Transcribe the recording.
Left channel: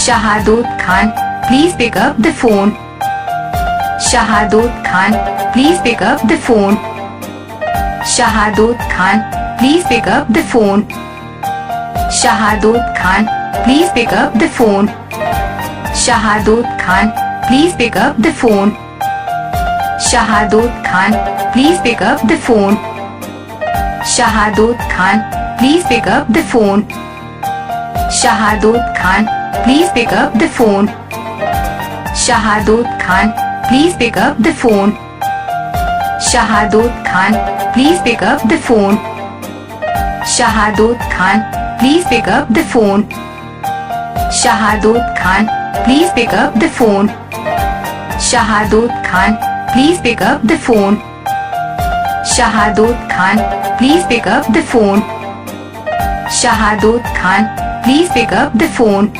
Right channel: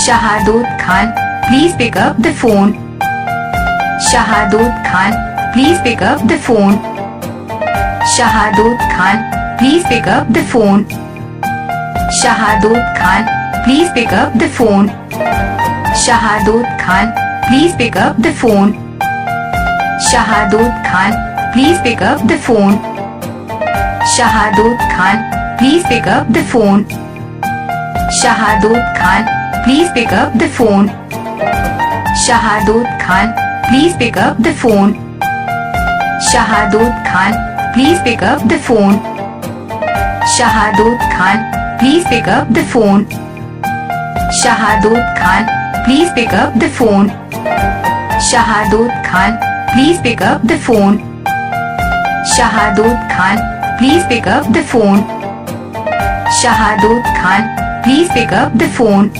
Shahadod Khan, please pick up the phone. Shahadod Khan, please pick up the phone. Shahadod Khan, please pick up the phone. Shahadod Khan, please pick up the phone. Shahadod Khan, please pick up the phone. Shahadod Khan, please pick up the phone. Shahadod Khan, please pick up the phone. Shahadod Khan, please pick up the phone. Shahadod Khan, please pick up the phone. Shahadod Khan, please pick up the phone. Shahadod Khan, please pick up the phone. Shahadod Khan, please pick up the phone. Shahadod Khan, please pick up the phone. Shahadod Khan, please pick up the phone. Shahadod Khan, please pick up the phone.